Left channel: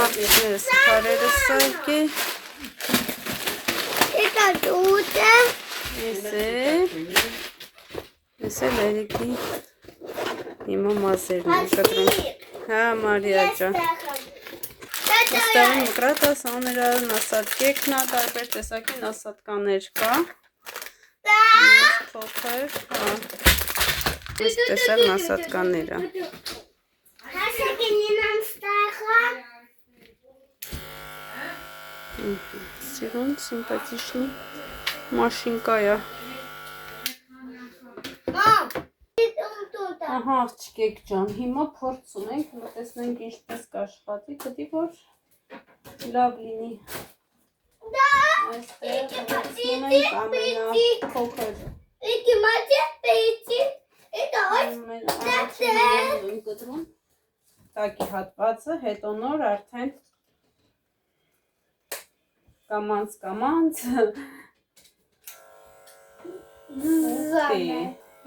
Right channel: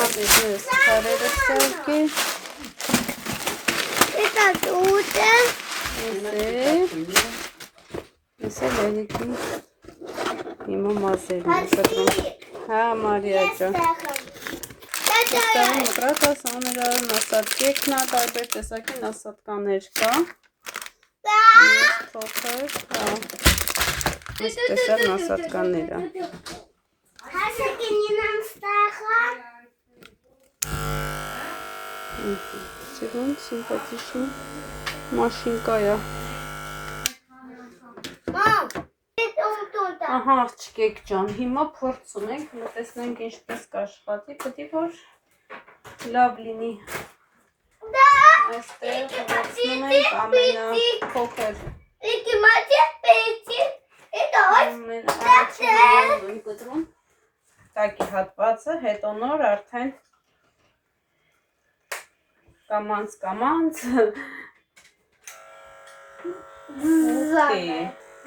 Աղիներս կարերը սարկի։ Это тутем. Ես էլ երիքի հիմա մազերն եմ կտրում։ Հա, Մարիա ջան։ Ոստեղին մկրատ ասաներան ասատկեքնա, տարբեր տեսակի ասատկաներ կա։ Փոքր, հա։ Այս տեսակն ասատկաները։ Սիրուն, սիմպատիչնի մաշինկայա։ Ահա աղջկեք ջան, հիմա փորձում ենք, տեսնենք ինչպես կաշխատի, պետք է որ լավ լինի։ Այստեղ փորձում ենք ամենափոքր։ Կտրում տակի հատվածը, հետո նոր արդեն կամանց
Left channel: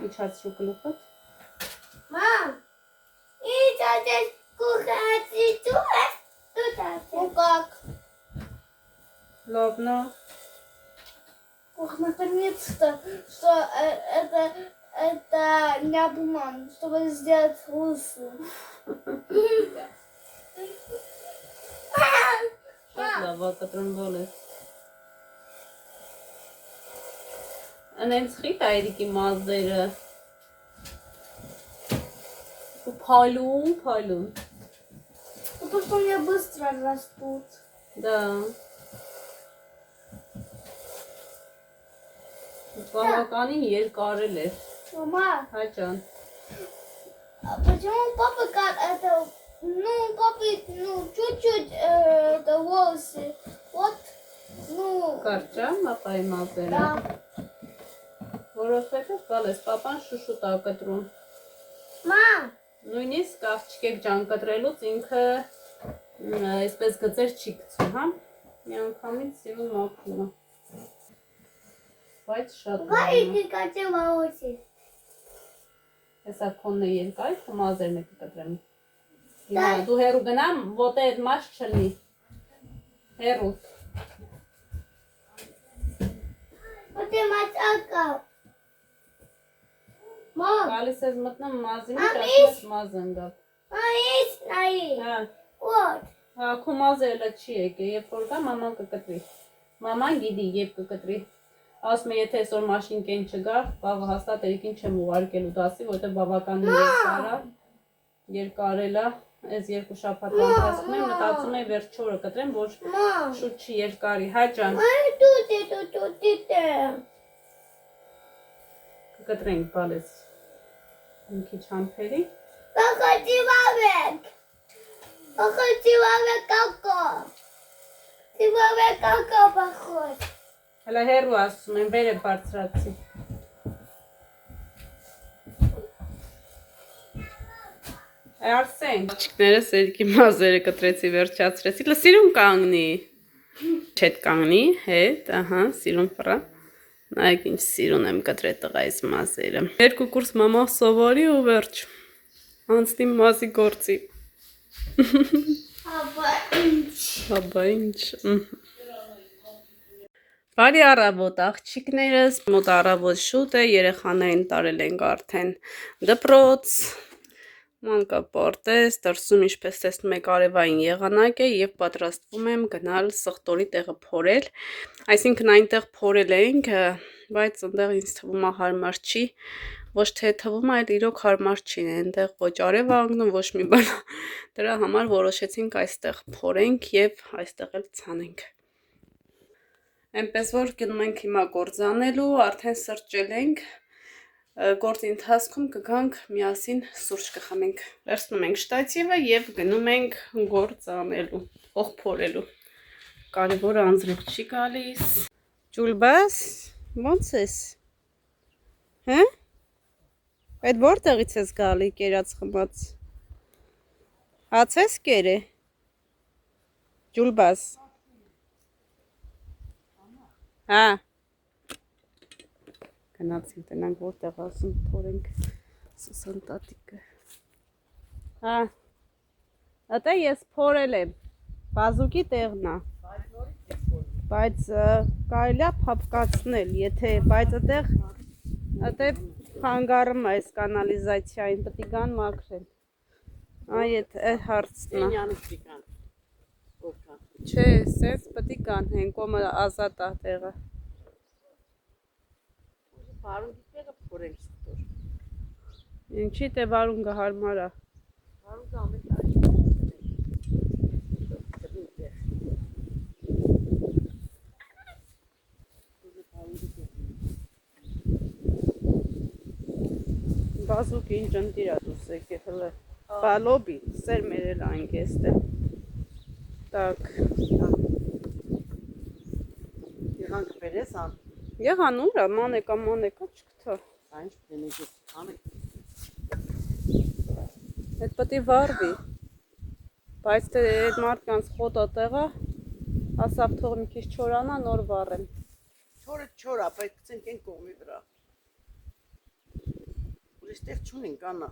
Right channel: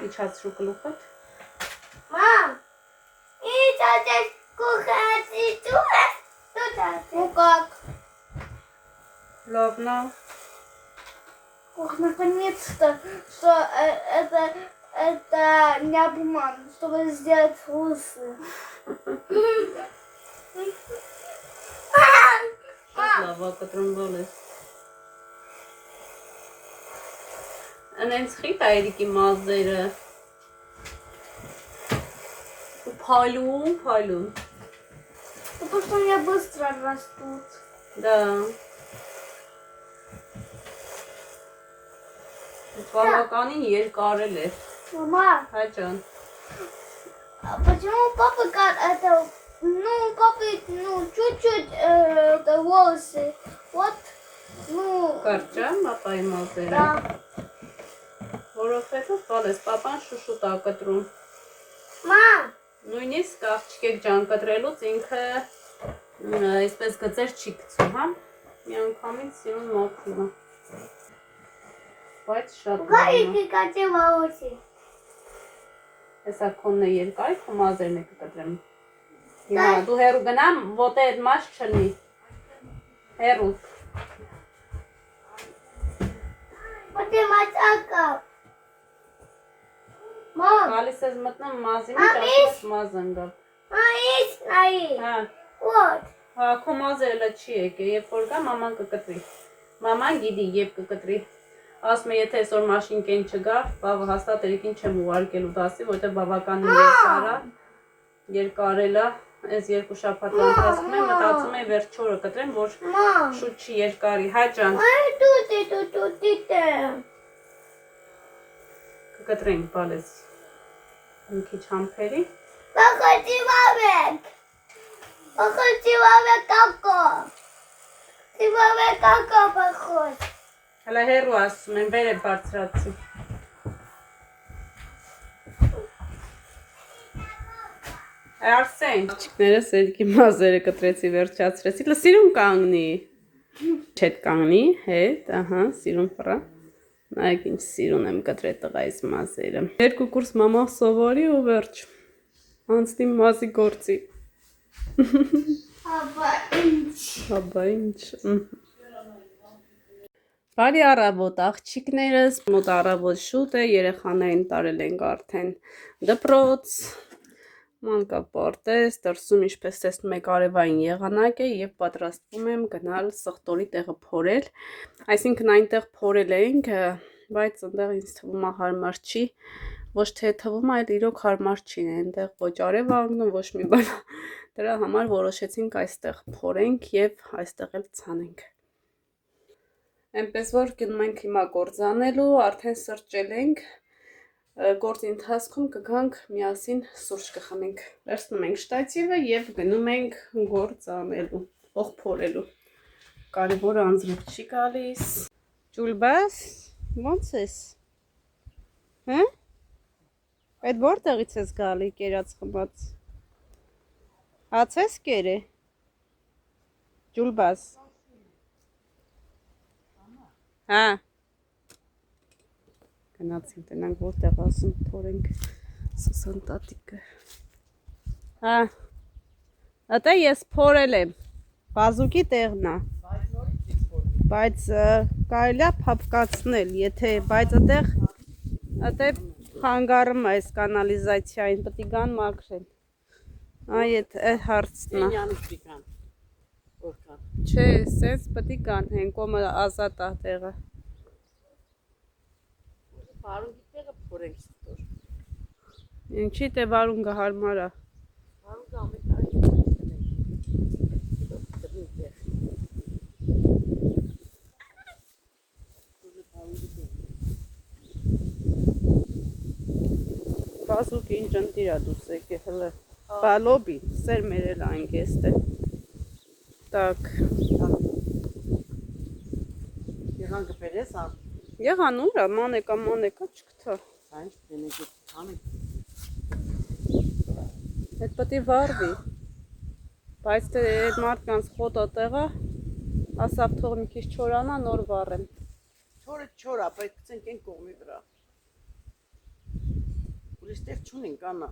իջացրու գլուխդ։ Մամ, ինչ ադես կուխացի դու ես, դու դասես։ Как? Ладно. Ох, наконец-то, что это не обман, чтобы сделать лучше. Լավա կտրում բոլես։ Անենց խիտ այրիկի մազերը։ Ու փայլում։ Потому что они быстро растут. Да. Բավականին երկարել է։ Мама, Հայ ջան։ почему папа это, папа, чуть-чуть это волосы. Вот, Կարճա մապայի մազերը։ да. Որովհետև բալես պապան շուշուտ ա կտրում։ Մամ, Նույնիսկ աղջկեք ջան կտրելուց ինքը այսպես գծեր չի գցում, հա։ Մի անգամից սիրուն մաքրում է։ Բայց շատ լավ է։ Գարիկի կատե волосы. Հեսա քոնն է երկայք ու մազերն է կկտրեմ։ Հիմա դու հեռու գնամ, ոտեդ մաշ չլնի։ Հեռու։ Вот и матака. Мам, Գալիս ես մտնում մազի մեջ, ասում մազ ընկավ։ есть наи. Հա, Вот. հա, քո մազը էլը չի եկե, երբ որ գա մաման կկտրի։ Մաման գիտի, երբ կկտրի։ Ասում է, եթե այսօր մաշինկեն չգա, բավը հաստատ երիկին չեմ ուղարկելու դասի, որտեղ բավականին երկարել է, այս երկու շաբաթվա ընթացքում եմ մտածում եմ վերջ 4-ը կտրեմ, որ Мам, շուտ չի երկարի, հայ ջան, тут. կկտրենք բալես մի քիչ համբերի, Походи вовек. Походи вовек како. Ты вовек како похож. հələ հեռու ասում եմ, վեր է բարձրացի։ Արսեն, աղջիկներս երիկի մազերը կտրեցի, վերջացրեցի, սիրուն կանգնի, չետ կանգնի, հետ, ահա, սիրուն պրա, նայեք ինչ սիրուն եմ կտրել տղայիս մազերը։ Երկու կուրս մամա սովորի ու վերջ, անցնի մազի գործի։ Հաբա ինչ։ Բարի առավոտ աղջիկներս, մոտ առավոտ շուտ է, երեխաներին տարել ենք արդեն դպրոց, մանկապարտեզ, դրսում ինչպես տեսնում եք արևային եղանակ է և պատրաստվում եմ գնալ սխտորի տեղը փորել, այսինքն այնտեղ փորել ենք, բայց այնտեղ ինձ թվում է հարմար չի, ոչ թե թվում այլ իրոք հարմար չի, այնտեղ ոչ արև անգնում, ոչ մի բան, դրա համար որոշեցինք այստեղ փորենք և այստեղ էլ ցանենք։ Այնպես որ գնում ենք հիմա գործանելու, արդեն սրճել ենք, գործի ընթացքում կգանք միասին սուրճ կխմենք։ Վերցնում ենք շտատիվը և գնում ենք գործանելու, փորելու։ Կարևորը անձրև չի գալիս։ Ջուլբաս, ո՞նց ես։ Հա՞։ Այդ որտեղից ես գալի կերած խմած։ Հաց ես կերե։ Ջուլբաս։ Հա։ Գնացինք տնանք որտեղ ասում փորենք սուսան տատիկը։ Հա։ Ատա ես փորել եմ։ Բազուկի տեղն է։ Բայց կարելի է փապկացնել, եթե բայց այդտեղ խանգարում է այս կանալիզացիային, պետք է գան մաքրեն։ Այ այդ հարցն է։ Չէ, սենց պետք է գան, հեն կոմը ազատ է տեղը։ Վարունգի տեղը փորենք ստոր։ Ինչի՞ թե վարունգը հարմար է։ Վարունգը ամեն Բազուկ ինչ ընտիր է դուս եկե հլը։ Բալոբի, սեր մերել այն գեստ է։ Так։ Եղան կպերես ան։ Եղան ուրա, մանեկա չկթա։ Այն չպենիգի անեք։ Այդ պետք է վարվի։ Բայց թե այդ մարդկանց խոտը տեղը, ասավ թող մի քիչ չորանա, նոր վառեմ։ Չորա, բայց ցենք են կողմի վրա։ Ուրիշ տեղ չունենք անա։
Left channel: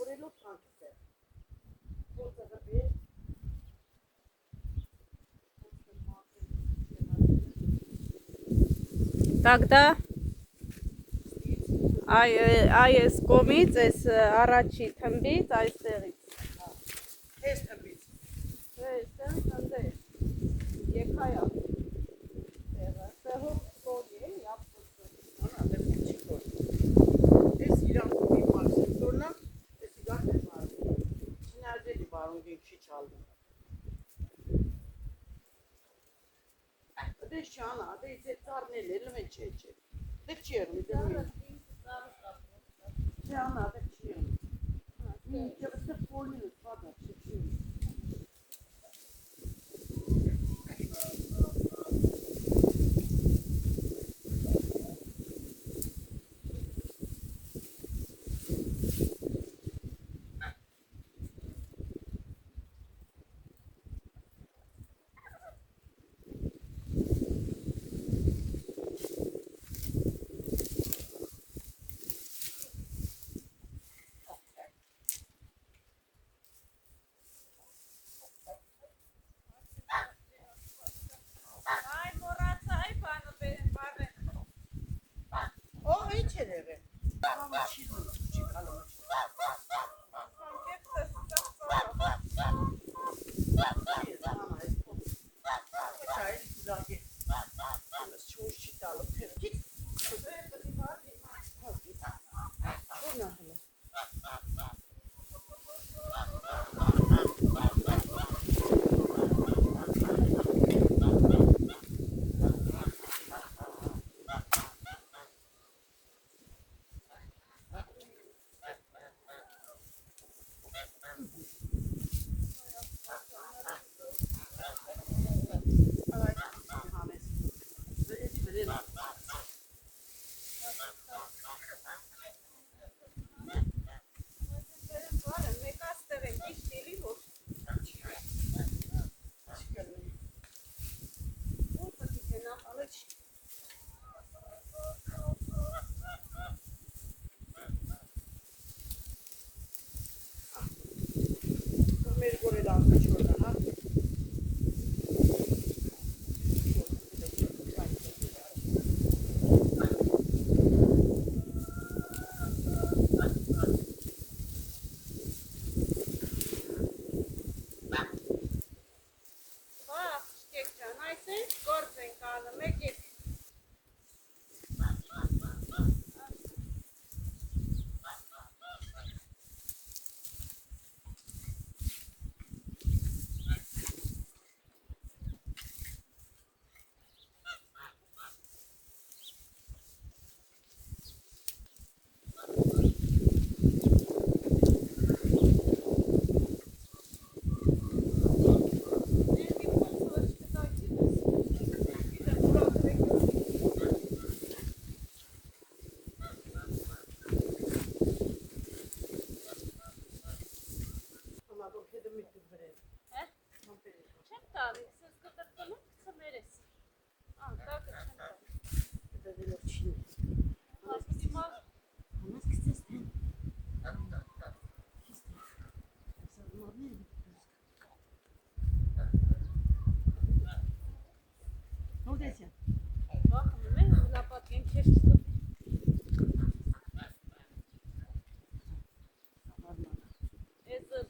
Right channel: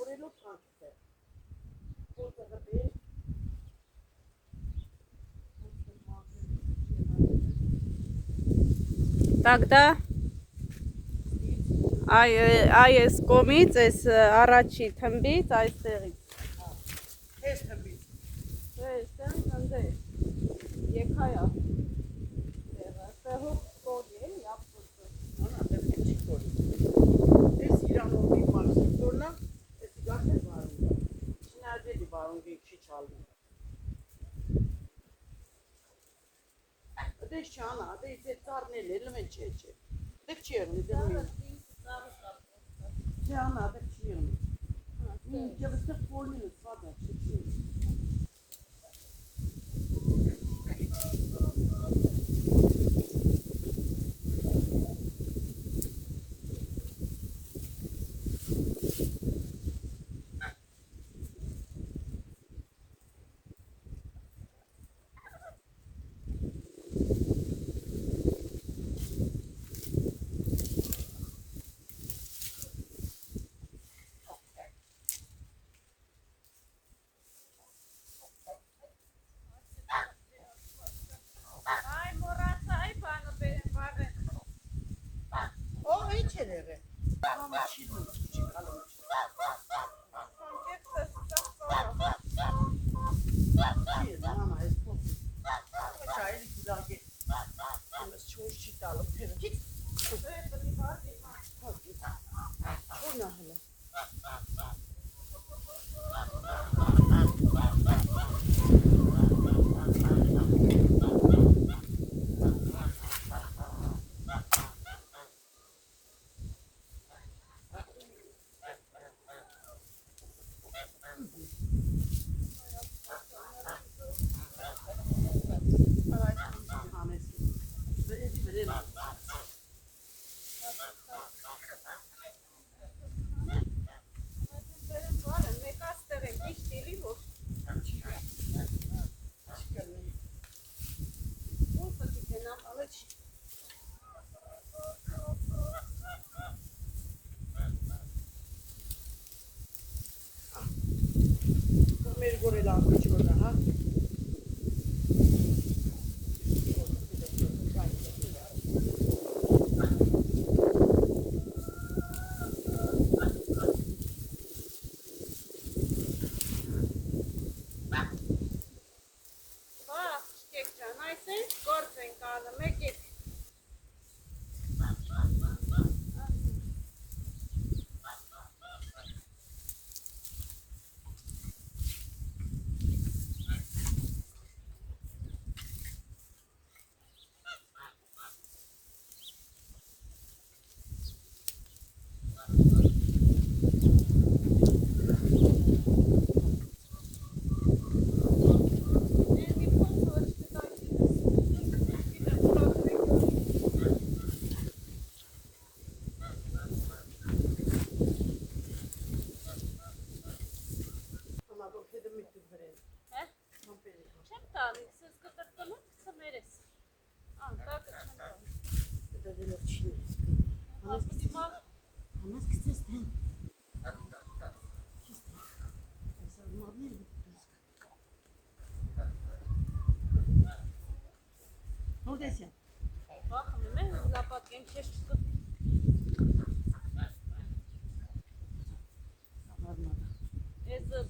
Որելով թանկ է։ Тогда այս կողմից, այս առաջի թմբից, այստեղից։ Քեզ թմբից։ Չէ, այստեղ հանդե։ Եկայա։ Տեղը կողի է, ապոտը։ Անա, դեռ չի կոր։ Էս իրանոքի մարսորնա, էս իգարն է վարունգ։ Չնայածելի վարունգի չի չալվում։ Դե շանա, դե ծառնել էլ մեն չէ։ Դե չի եղնի, դե մի։ Շանա, դե չի եղնի։ Ինչ վստեղ ֆորմին սվադա, չի։ Եղե։ Համը չի կալում։ Չի մամա էս փոփ։ Չայ դիգագե։ Ես չոր չի տալու թերքի։ Չունա հələ։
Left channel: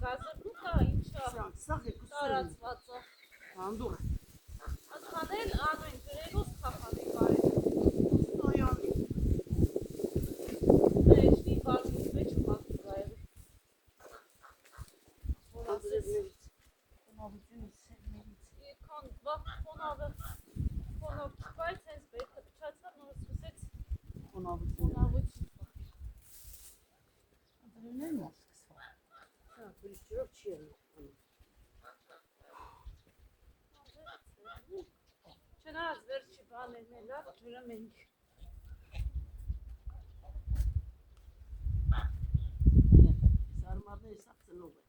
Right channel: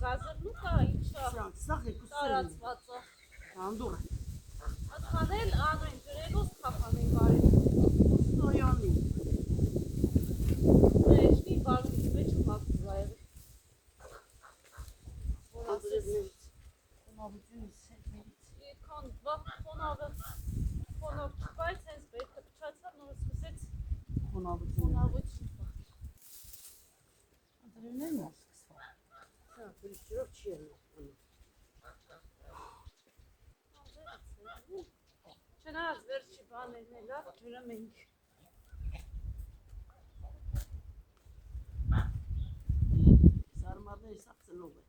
գազելուկը ինչա Սաղ երկու սուրն տարածված է։ հանդուր Ատխանել անույն գրելուս թախանել բարի։ Ստոյանի Էշնի բազուս մեջ մակտուր այր։ Որ ասես Հոնավությունի սերներից Եկան վաղ խոնով չկայց հենց բերքը պչացավ նոր սկսեց Հոնավություն խոնավություն բախ։ Դրինեն որ սկսվա Սա պրիշտիրով չի եղնի Չնայած վերջի բաներն է լավ ջրում ենք։ Սարմարների սաղ ծնող է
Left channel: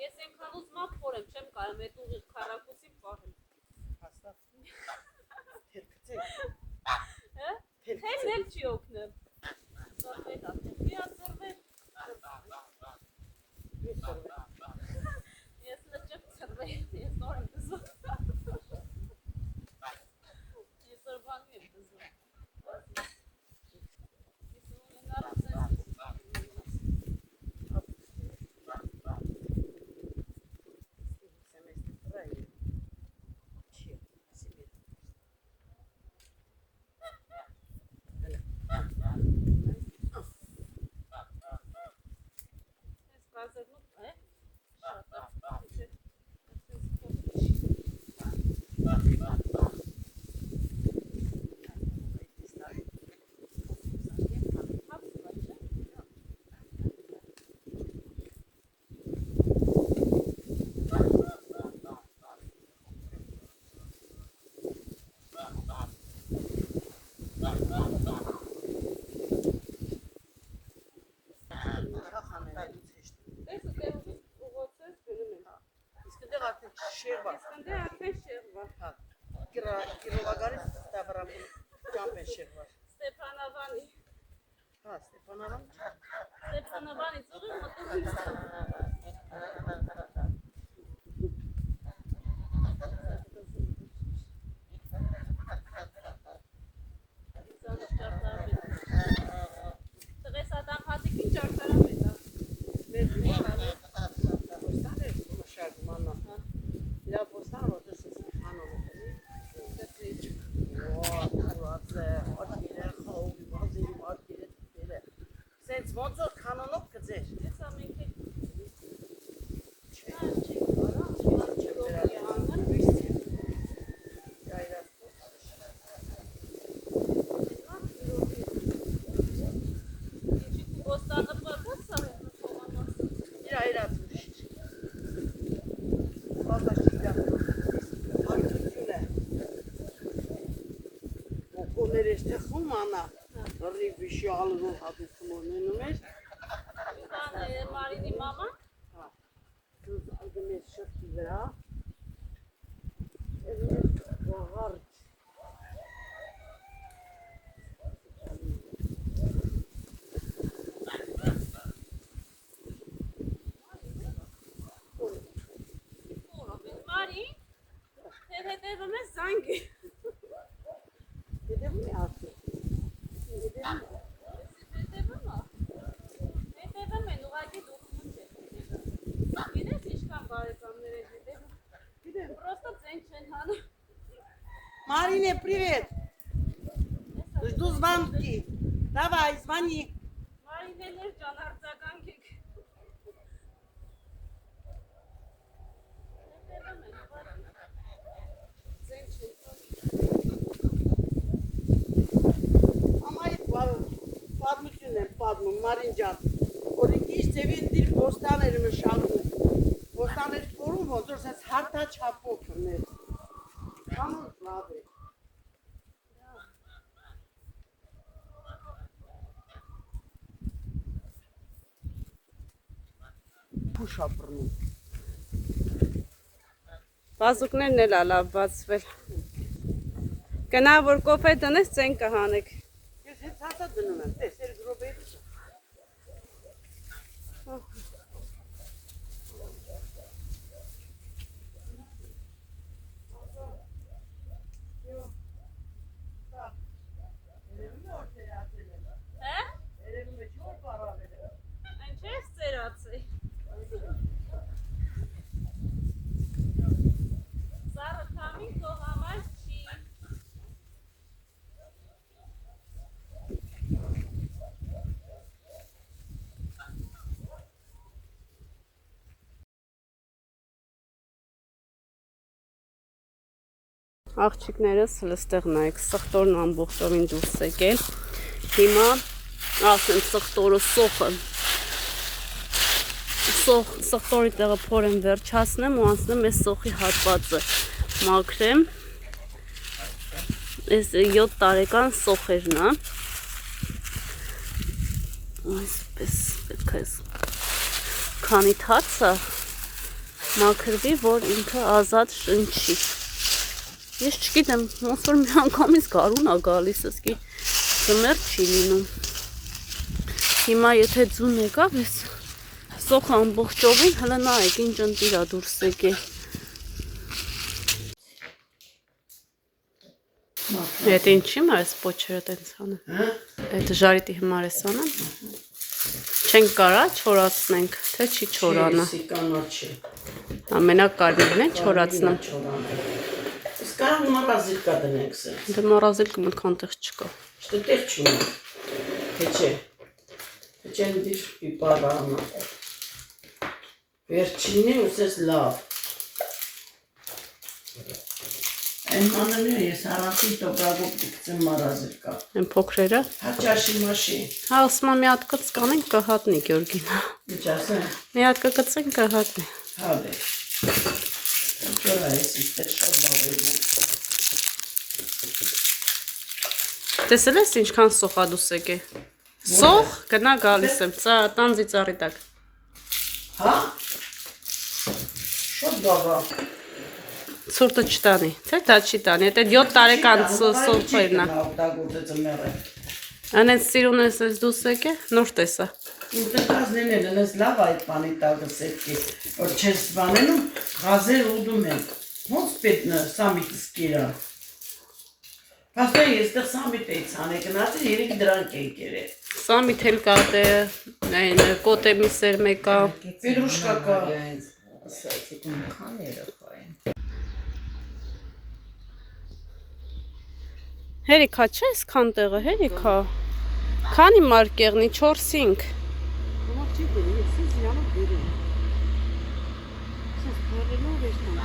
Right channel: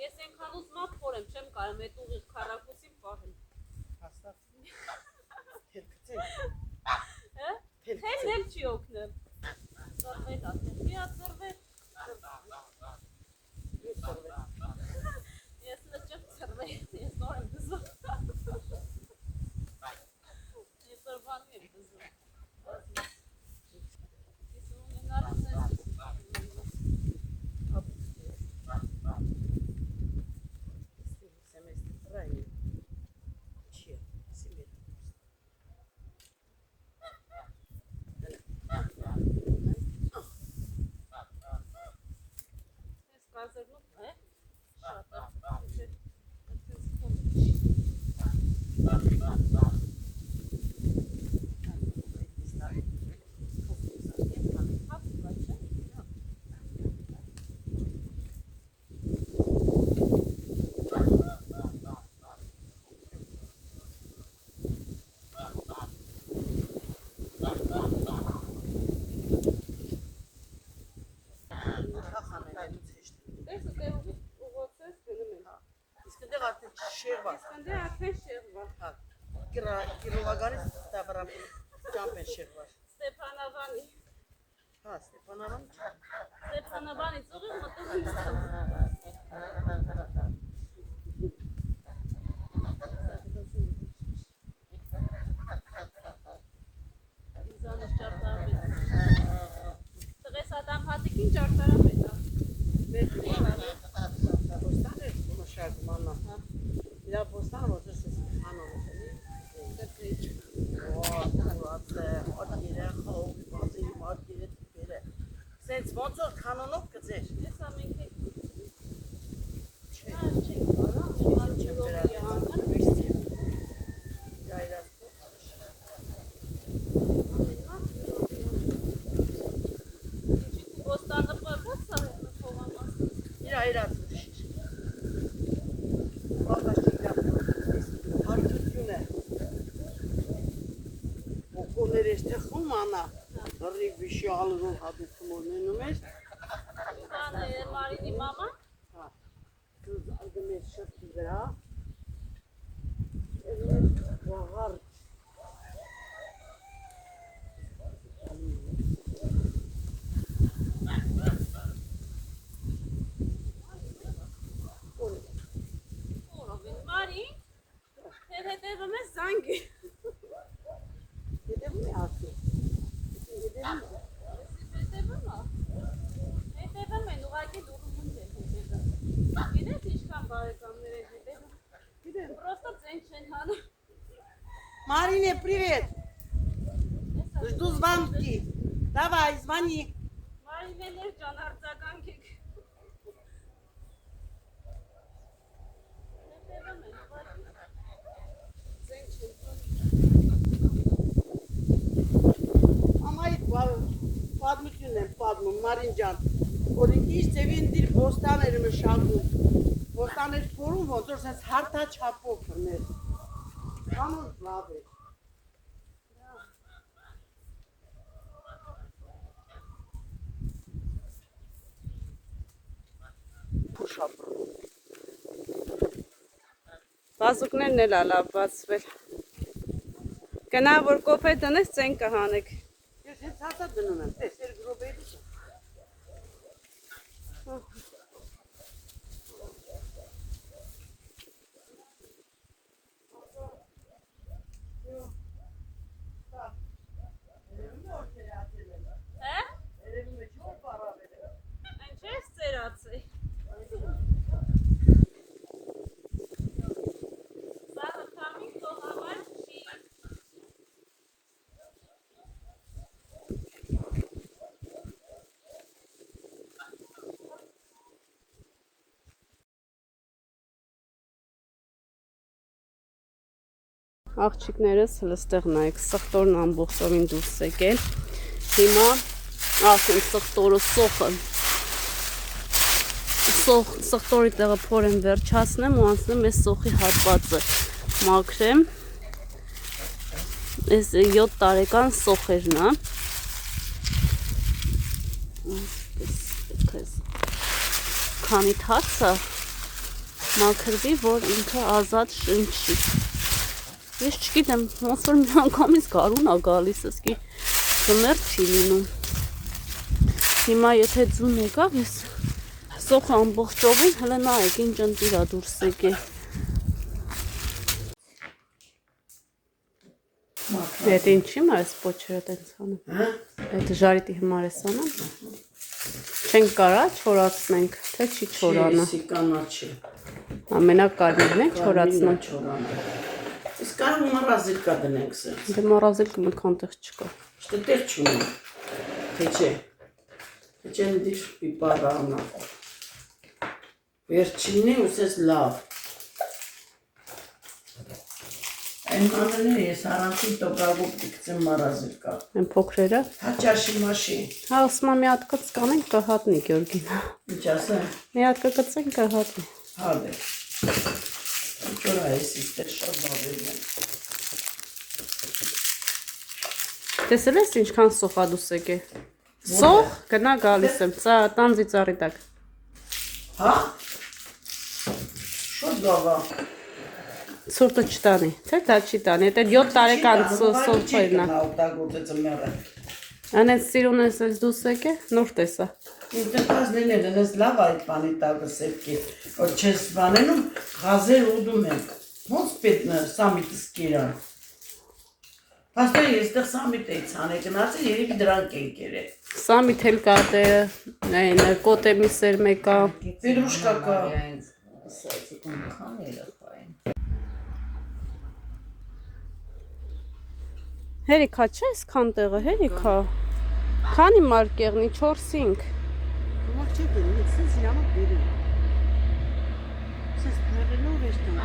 Ես ենքան ուզմա փորեմ, չեմ կարեմ էտ ուղիղ քառակուսին պահել։ Հաստատ թել կծեք Թելն էլ չի օգնել։ Ծրվետ ատենի ածրվետ։ Ես ծրվետ Ես լճıq ծրվետ, ես նոր եմ դզում։ Ես ծրվանում եմ դզում։ Ես ունենար սենց գազերնուկ է, շատ է, Շերվա Իսկանդե արդեն շեղվա։ Կիրովագանի ստաբարամ ճամպ են շերվա Ստեփանավանի։ Ստեփանավան Ստեփանավանից ուղիղ մտնում եմ Իզանս ճարտարապետ։ Տղես ադամ հատիկին ճարտարապետ է։ մեր ոստան է մշակում աննա իրա ոստան որ դեսս հանով է Դրվեջ։ ոտները խաղողի ոտները թպերը սենց ոնց որ կանոնով կծեր Ես ամենք է չկար չեք արա, ջրով է անան։ Ոստանը պակաց սա է նշողանաս։ Իրա Բաղաշիկա հարտություն է Ոգոներ ես թխում անա Ռիվիշի ալրով հատուցում օրնենում ես Կան է Մարինի մամա։ Դուզ ալգում ես շրտի վրա Վաղարդ Մարի, թեր հետևում ես զանգի։ Հետևում է ասում Հետևում է Հետևում է։ Հետևում են, ուղղակի դուրմունջ է հետևում։ Գիտես ինչքան բարեկամներ են հետևում։ Պրոստը ձեն չեն հանում։ Марине, привет! Жду звонки. Давай, звони. Մարինեներ ջան, արձագանք եք։ Հետևում են, ուղղակի ձեն չեն հանում։ Ամայի պատմությունն եմ պատմում, Մարին ջան, օրինքից ձևին դիր բոստաներ մշակում, բոստաներ փորում, ոնց որ սենց հարթաչափով կներ, կանոց լավ է, փուշ ապրում, Բազուկներն էլ ալավ բացվել։ Գնա որ կոփե տնես ցեն կհանեք։ Ես հենց հաստատ դնում եմ, տես, 2 րոպե դիք։ Այնպես ծերացի։ Սարը քամին թողամար չի։ Աղջիկներս հլստեղ նայեք, սխտորն ամբողջովին դուրս եկել։ Հիմա ասեմ սխտորը սոխը։ Սխտորի տեղը փորեմ վերջացնեմ ու անցնեմ այս սոխի հատվածը մաքրեմ։ Այս 7 տարեկան սոխերն է։ Այսպես պետք է քանի թացը մաքրվի, որ ինքը ազատ շնչի։ Ես չգիտեմ, ոնց որ մի անգամից գարուն է գալիս, ասկի ձմեռ չի լինում։ Հիմա եթե ձուն եկավ, ես սոխը ամբողջովին հլը նայեք ինչ ընտիր է դուրս եկել։ Այդ ինչի՞ մար ես պոչերը տենց անում։ Այդ ժարիտի հիմար ես անում։ Չենք կարա չորացնենք, թե չի չորանը։ Ամենակ կարմիրն է չորացնում։ Սկար մորազիլկա դնենք սենց։ Դե մորազիլկը մնքան տեղ չկա։ Չտե տեղ չունի։ Հեչե։ Հեչեն դիշ պիպարանը։ Վերջինի ուսես լավ։ Այն մանրն է ես առանցին տոպրագով դիքցեմ մորազիլկա։ Այն փոքրերը։ Հաճաշի մաշի։ Հա ասում եմ մի հատ կծկանենք կհատնի Գյորգինա։ Ինչ ասեմ։ Մի հատ կգցենք կհատնի։ Հա դե։ Չորա ես իստեր շատ բավերն եմ։ Տեսել ես ինչքան սոխադուս եկե։ Սոխ գնա գալիս եմ, տանձի ծառի տակ։ Հա։ Շատ բավա։ Ցուրտը չտանի, թե դա չի տանի, այդ 7 տարեկան սոխերն է։ Օգտագործեցը մերը։ Անենց սիրուն ես դուս եկե, նոր տեսա։ Իմ տնտազներն են, ես լավ այդ բանի տակը սետքի, որ չես բանենում, գազեր ուդում են։ Ոնց պետն սամիտս կիրա։ Պաստոր ես տեղ սամիտ էի ծանը, գնացել երեք դրանք են կերը։ Սամիտ էլ կա դե, այն կոտե միսեր մեկա։ Պետրուշկա կա։ Հերիքա չէ այսքան տեղը, հերիքա։ Քանի մարկեղնի 4-5։ Ոմակ չի դերի, սենց իրանով դերի։ Սենց պարելով ես տան։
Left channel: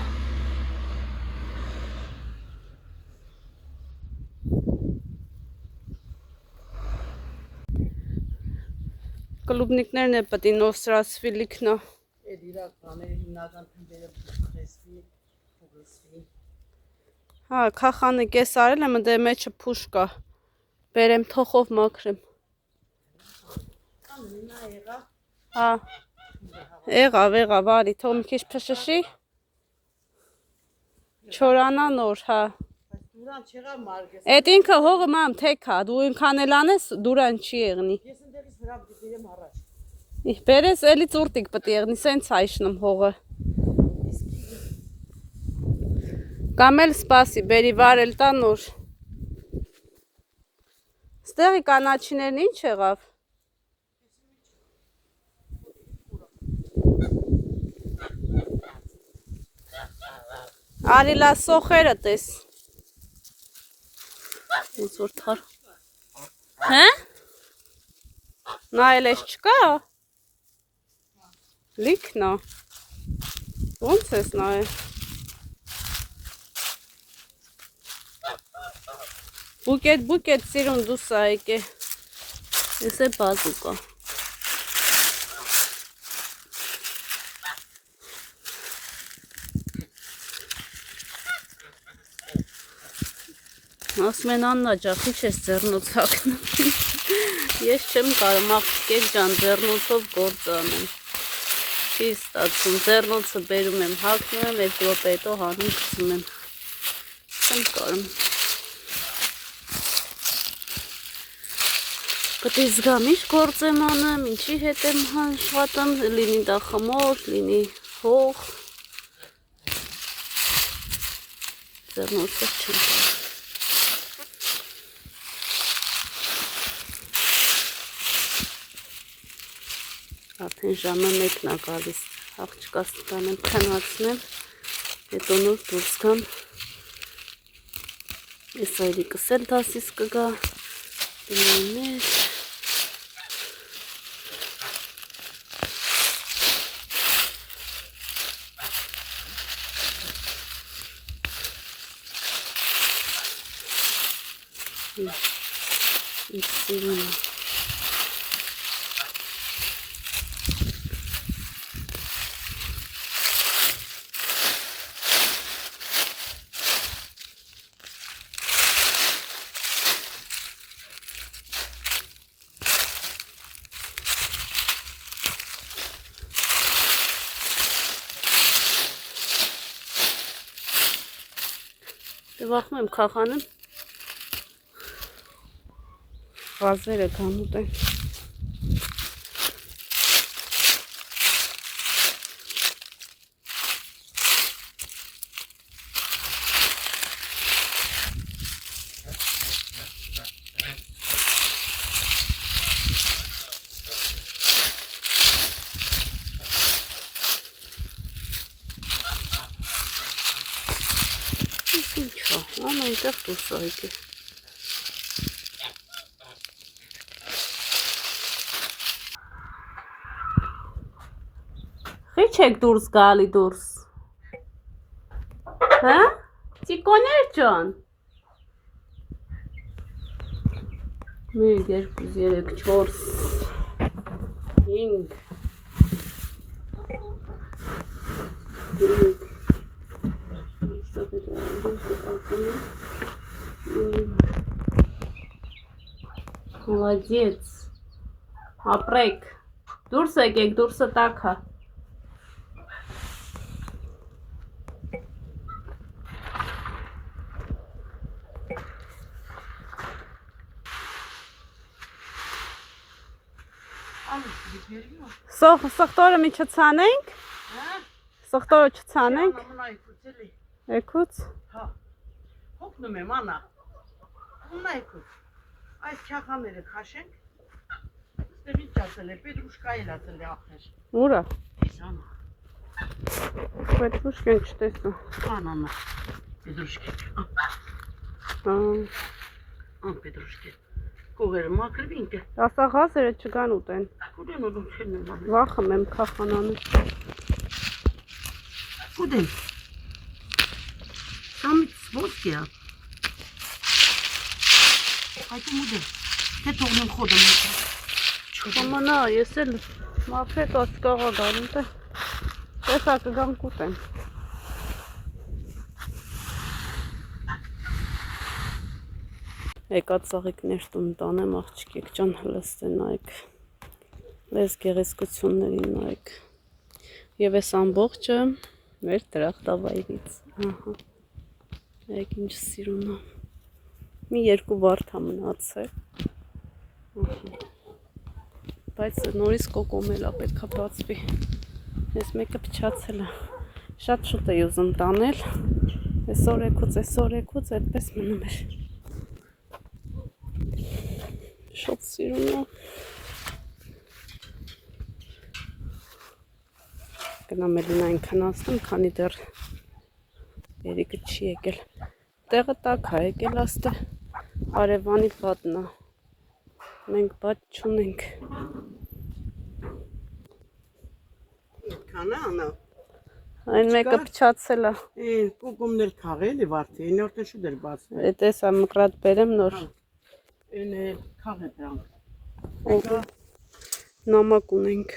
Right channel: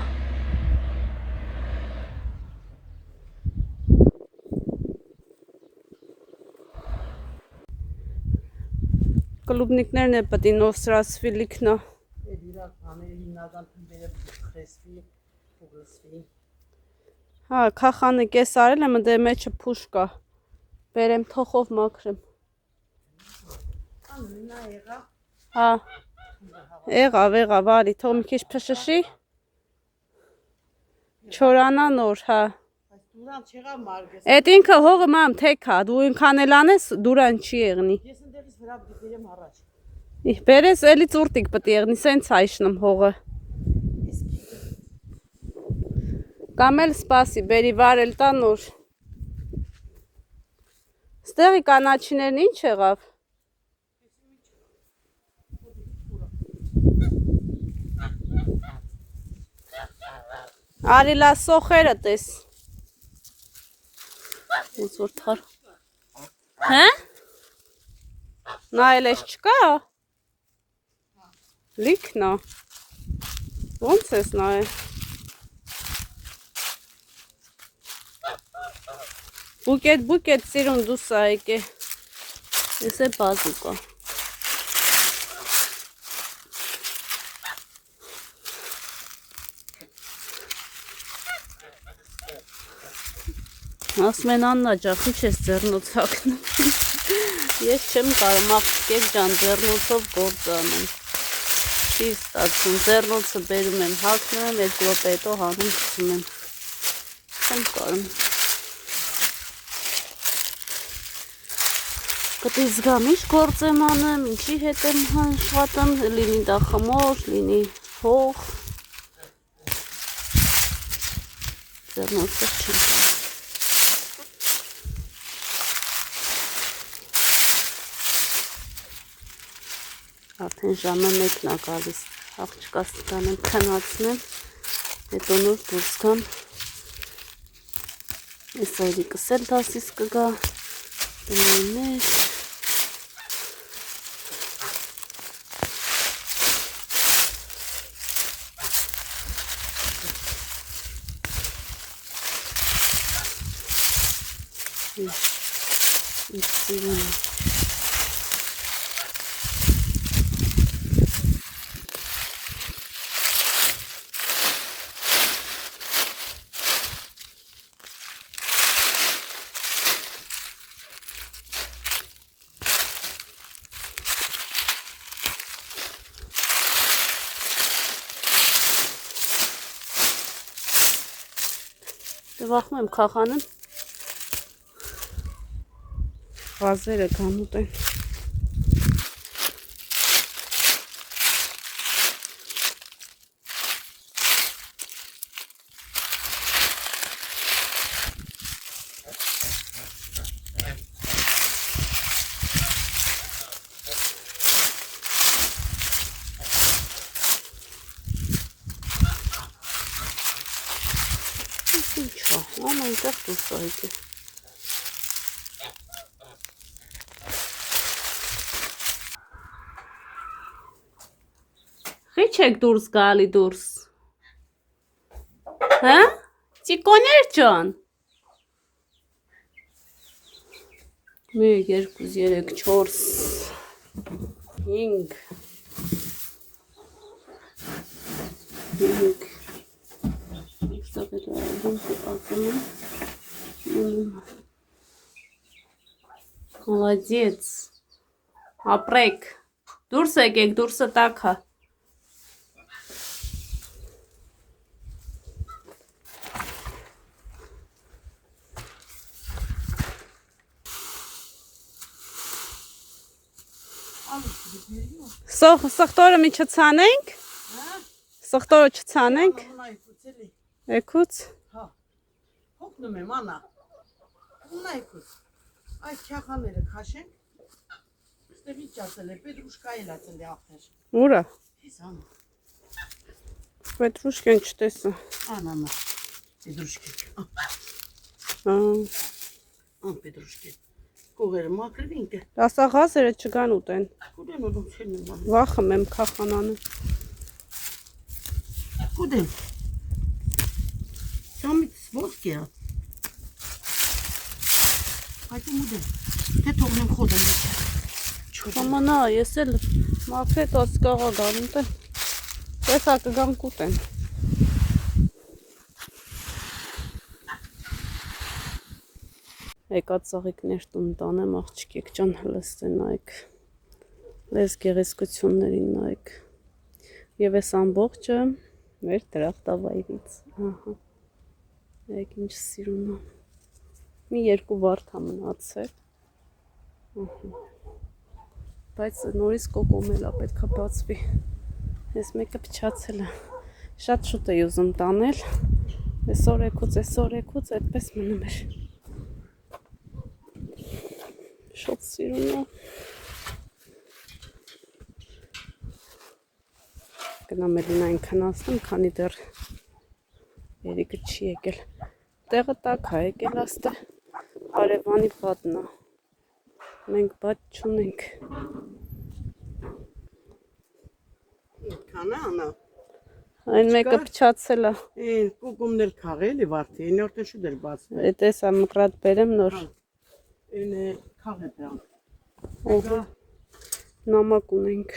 Կլուբնիկներն է պետի նովսրացվի լիքնա։ Էդ իրակ բաները հիմնական թմբերը խեսվի, ուղսվի։ Հա, քախանը կես արել եմ, դե մեջը փուշ կա։ Բերեմ թոխով մաքրեմ։ Հա։ Եղավ, արի, թող մի քիչ փշշի։ Չորանա նոր, հա։ Դուրան չեղավ մարգես։ Այդ ինքը հողը մամ թեք հա, դու ինքան էլ անես, դուրան չի եղնի։ Ես ընդեղից վրա բերեմ առաջ։ Բերես էլի ծուրտիկ պետք եղնի, սենց հայշնում հողը։ Կամ էլ սպասի, բերի վարել տա նոր։ Ստեղի կանաչիներն ինչ եղավ։ Արի լա սոխերը տես։ Ոնց որ թար։ Հա? Նայել ես չկա։ Լիքնա։ Ոնց ես նայել։ Բուկետ սիրուն դուս ա եկե։ Ես է բազուկա։ Ասում են Աննա ջան, քիչ ես ձեռնոց հագնում։ Ես չեմ կարող աղջիկ ջան ձեռնոցով գործ անեմ։ Չի ստացվում, ձեռնոցը բերում եմ, հագնում եմ, 2 րոպե հետո հանում գցում եմ։ Չեմ կարող։ Պետք է զգամ ինչ գործ եմ անում, ինչի հետ եմ աշխատում, լինի դա խմոր, լինի հող։ Ձեռնոցս չեմ տա։ Արդեն ժամը 1-ն է գալիս, աղջկաս տանեմ քնացնեմ, հետո նոր դուրս գամ։ Ես այրիկս էլ դասիս կգա, դնայներ։ Ինչ սիրուն է։ Վախում եմ քախանեմ։ Գազերը գանուտ են։ Ինչ է, ամենտեղ դուրս է եկել։ Խիչ եք դուրս գալի դուրս։ Հա? Ծիկոներ ջան։ 1, 2, 3, 4, 5 Молодец. Ապրեք։ Դուրս եկեք, դուրսը տաք է։ Սոխտորը մի չցանենք։ Սոխտորը չցանենք։ Եկուց։ Հա։ Հոգնում եմ, Անա։ Հոգնում եկուց։ Այս չախաները քաշենք։ Ստեղ ինչ ասել է, պետրուշկա էլ ասել է ախր։ Ուրա։ Ես Անա։ Պետրուշկան չտեսա։ Անա։ Պետրուշկա։ Պետրուշկա։ Կողերը մաքրվ ինքը։ Ասա գազերը չգան ուտեն։ Կուդեն ուդում չեն եմ։ Վախում եմ քախանանում։ Կուդեն։ Սամից ոսկի է։ Այդում ուդեն։ Թե թողնեմ խոդեմ։ Չոմանա, ես էլ մաքրետ ասկաղա գալում տեն։ Տեսա կգամ կուտեն։ Եկած ծաղիկներ տուն տանեմ, աղջկեք ջան հլստեն նայք, լեզ գեղեցկություններին նայք, և ես ամբողջը մեր դրախտավայրից, ահա, նայք ինչ սիրուն է, մի 2 վարդ է մնացել, բայց նորից կոկոմել է պետք է բացվի, ես մեկը փչացել է, շատ շուտ է ուզում տանել, այսօր այդպես մնում էր, Շատ սիրուն է։ Գնամ էլին քնացնեմ, քանի դեռ երիկը չի եկել։ Տեղը տաք է եկել աստը արևանի պատն է։ Մենք բաց չունենք։ Քանա Անա։ Այն մեկը փչացել է։ Կոկոմներ քաղել է վարդի, այն օրտեն շուտ էր բացվել։ Էդ էսա մկրատ բերեմ նոր։ Այն քաղել դրանք։ Նամակ ունենք։